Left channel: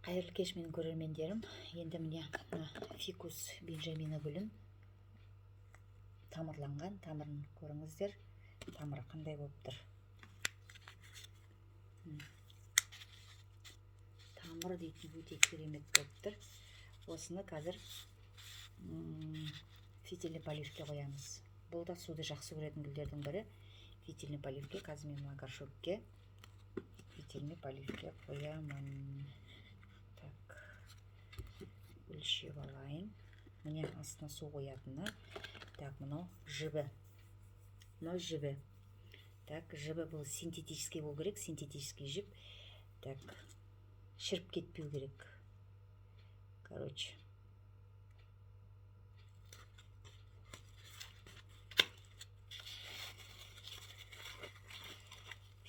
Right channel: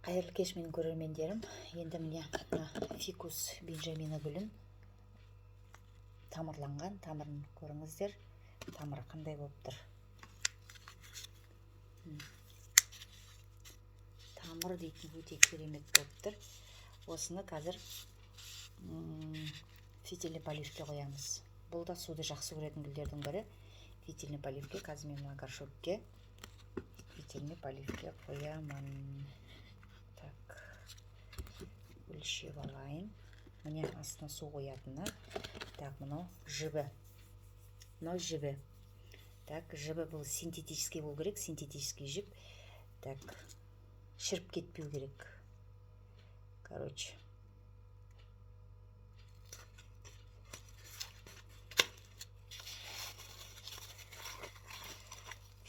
Қайырлы кеш менің көрермендерім. Енді міне фикус бенджамина гүлін тамырланған, тамырын көріңіздер. Тамыры қандай болып тұр. Тамыр дейтін өте керемет болып тұр. Осыны қазір фитильный поливке қоямыз. Бұл да суды жақсы көретін гүлдердің бірі. Фитильный поливке, қазір мен горшокке фитильный поливке қоямын. Өлшеп алайын. Міне астына су қоятыны. Так, мынау жібі. Мынау жібі. Так, жібі бұл синтетический болу керек, синтетический жіп. Так, шіріп кетпеу керек. Короче.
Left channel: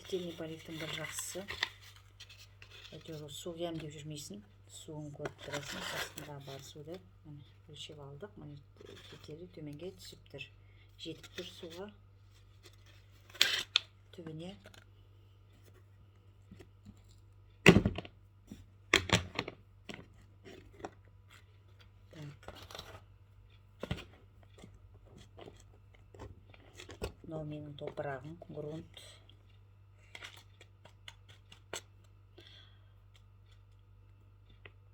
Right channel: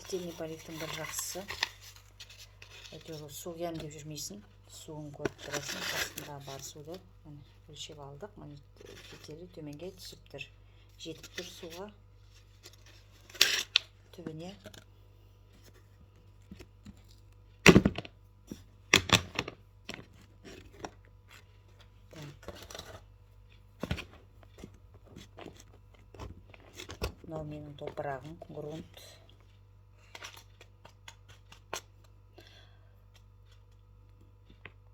Фитильный поливтің бір жақсысы. Әйтеуір су құям деп жүрмейсің. Суын көріп тұрасың, астында бар суды өлшеп алдық. Міне фитилі төменге түсіп тұр. Жетіп тұр суға түбіне. Мынау менің топырағым, грунт.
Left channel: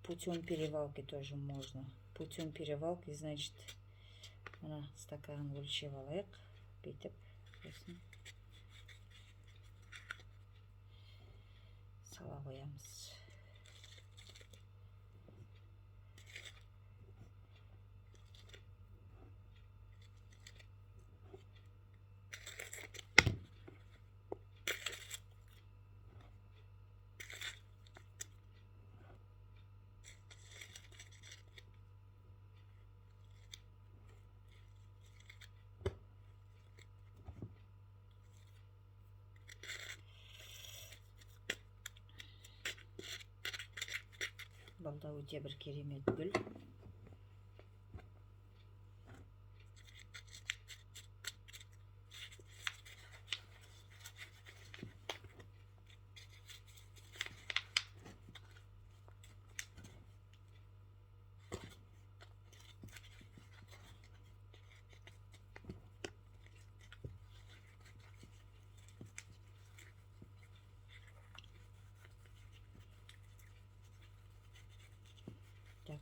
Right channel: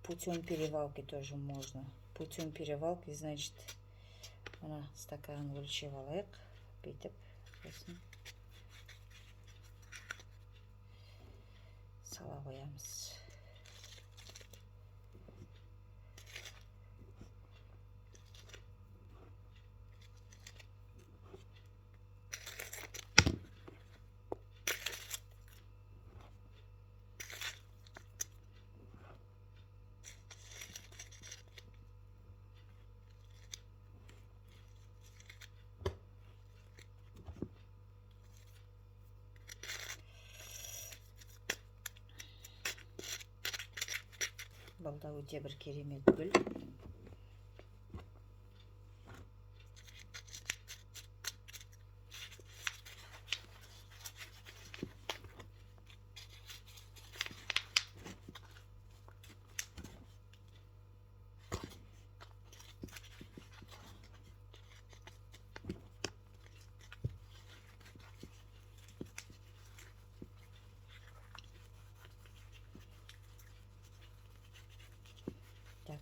Путем перевалки тоже можно. Путем перевалки, значит, ана стаканын өлшеп алайық. Бүйтіп, сосын сала қоямыз. Бұл да өте бір керемет гүл.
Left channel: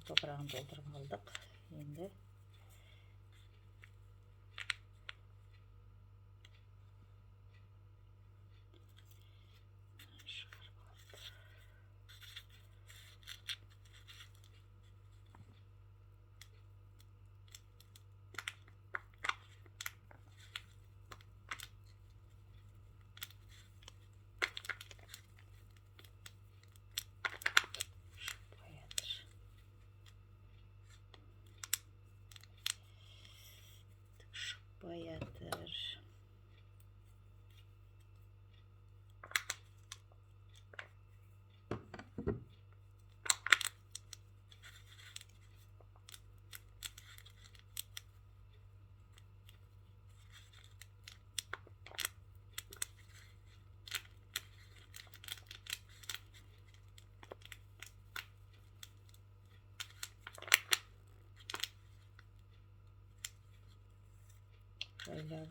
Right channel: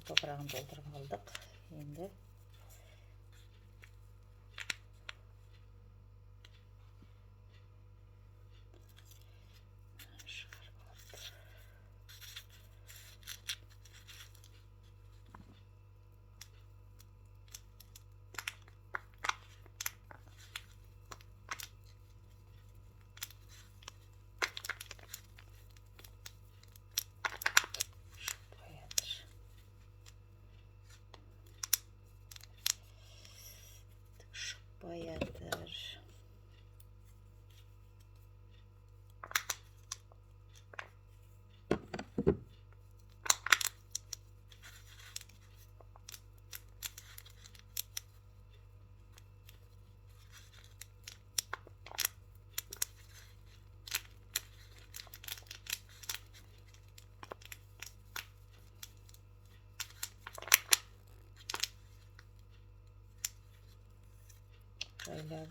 Топырағын толтырып алдық. Енді баятыр.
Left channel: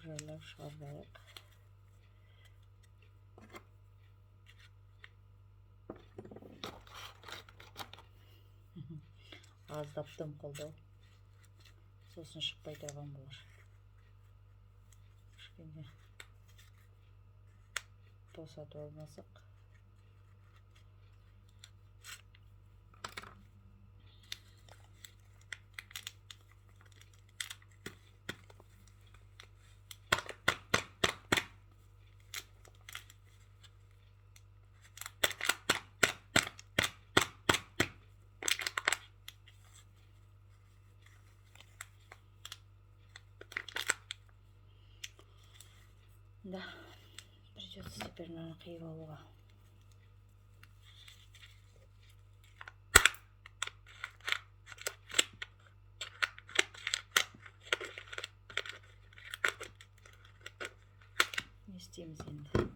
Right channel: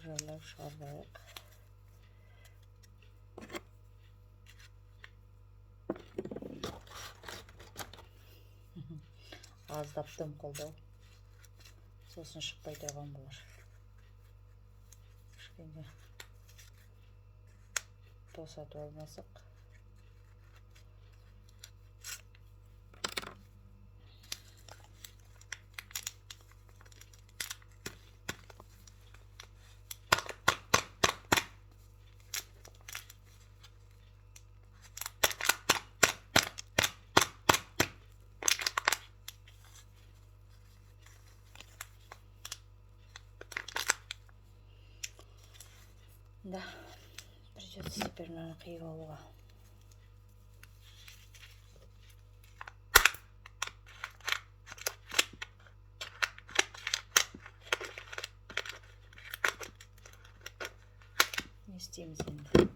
Жайлап шығарайық. Аздаптым қолдау. Сосын шықпай тұрған болар. Кішкене босатып алмасақ. Да, придется теперь, наверное, криво. Не істейміз енді.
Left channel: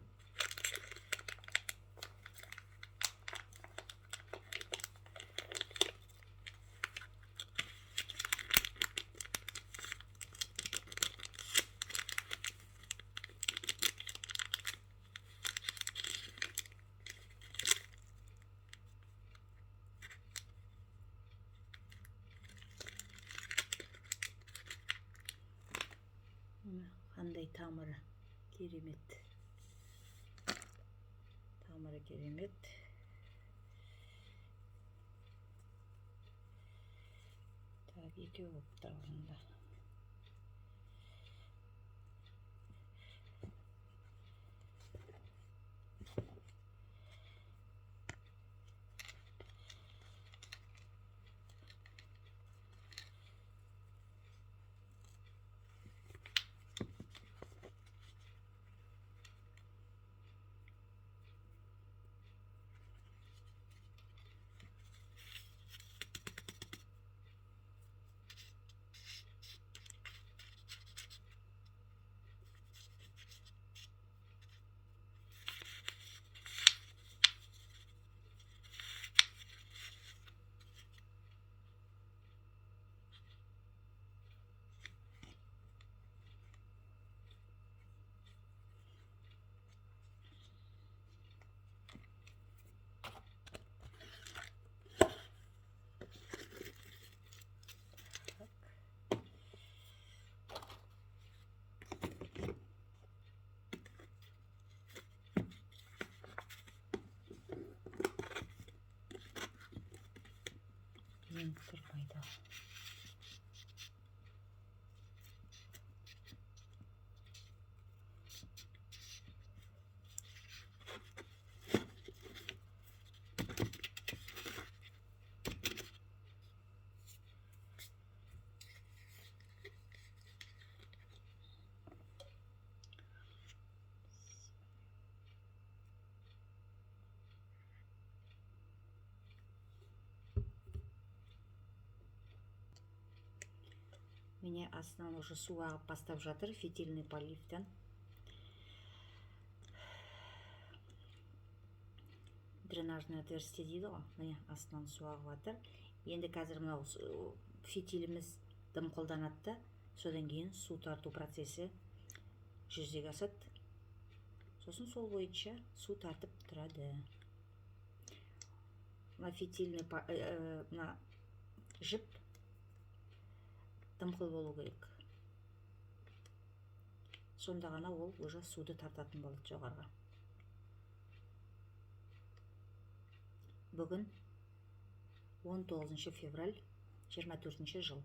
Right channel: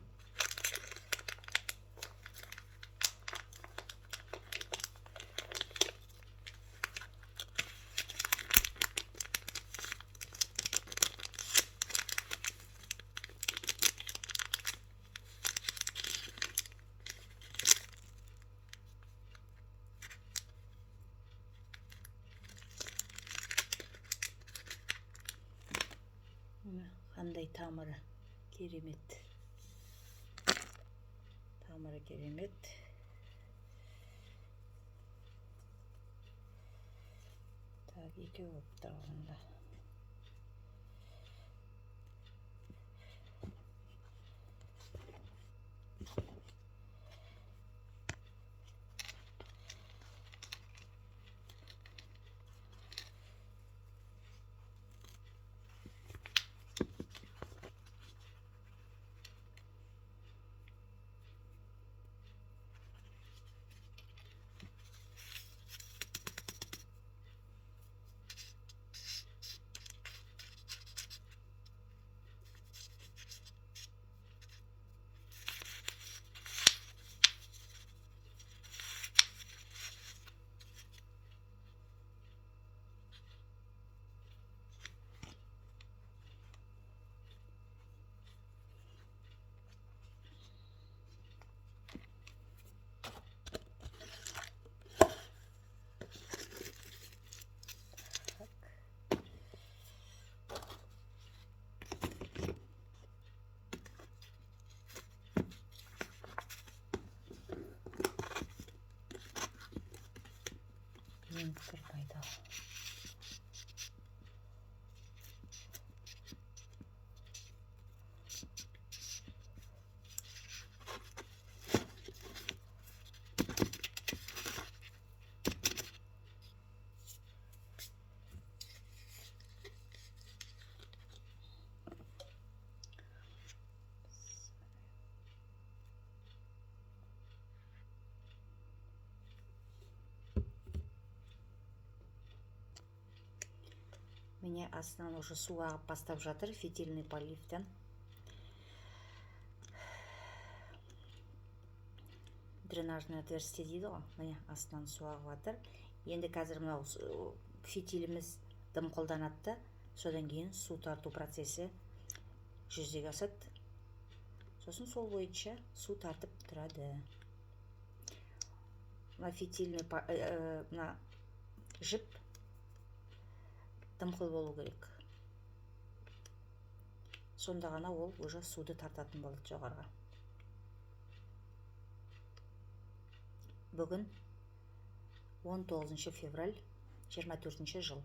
қандай тамыры керемет. Тамыры керемет. Так, екеу болып тұрғанда. Renktер пайдалы. Міне астынан уже су ағып бастап жатыр фитильный поливтен. Дренажный отверстие дейді ғой. Міне астынан су ағып жатыр. Енді қазір мынау фитиліміз дым қолданады. Содан кейін су тарту процесі жүзеге асады. Сосын сол бойынша су тартып тұрады. Мына фитильный мына жіп дымқыл болу керек. Сонда ғана ол уже суды тартатын болады жоғарға. Бүгін 19 февраль 24 жыл.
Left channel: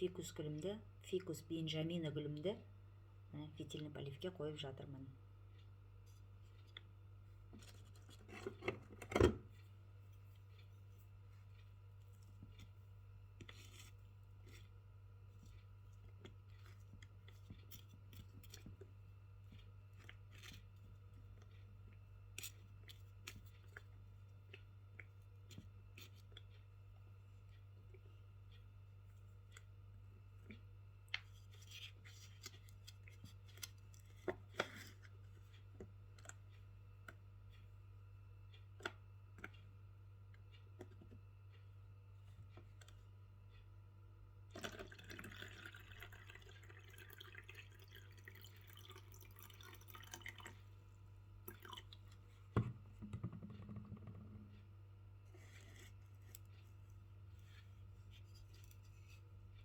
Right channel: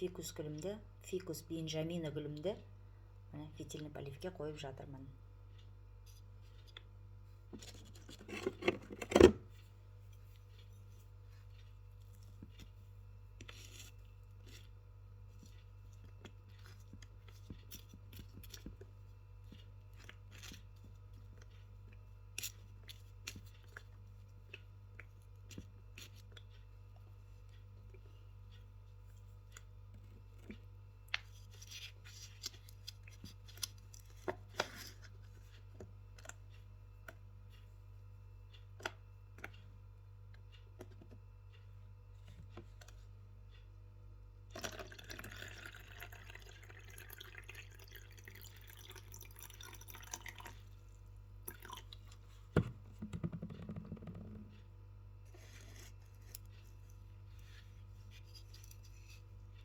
Фикус гүлімді, фикус бенджамина гүлімді фитильный поливке қойып жатырмын.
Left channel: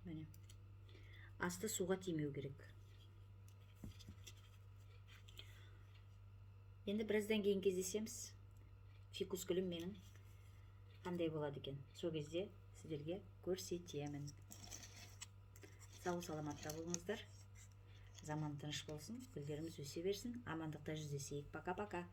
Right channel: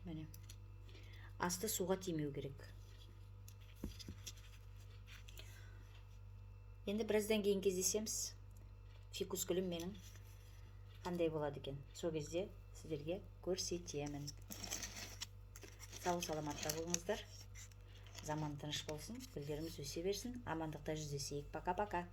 Міне. Асты суға тимеу керек. Енді біраздан кейін кездесеміз. Фикус гүлім менің қандай болады екен. Сол кезде сіздерге көрсетемін. Сау саламатта болыңыздар. Заман тыныш болсын, гүлдеріміз өсе берсін. Амандықта жүздесейік. Пока-пока.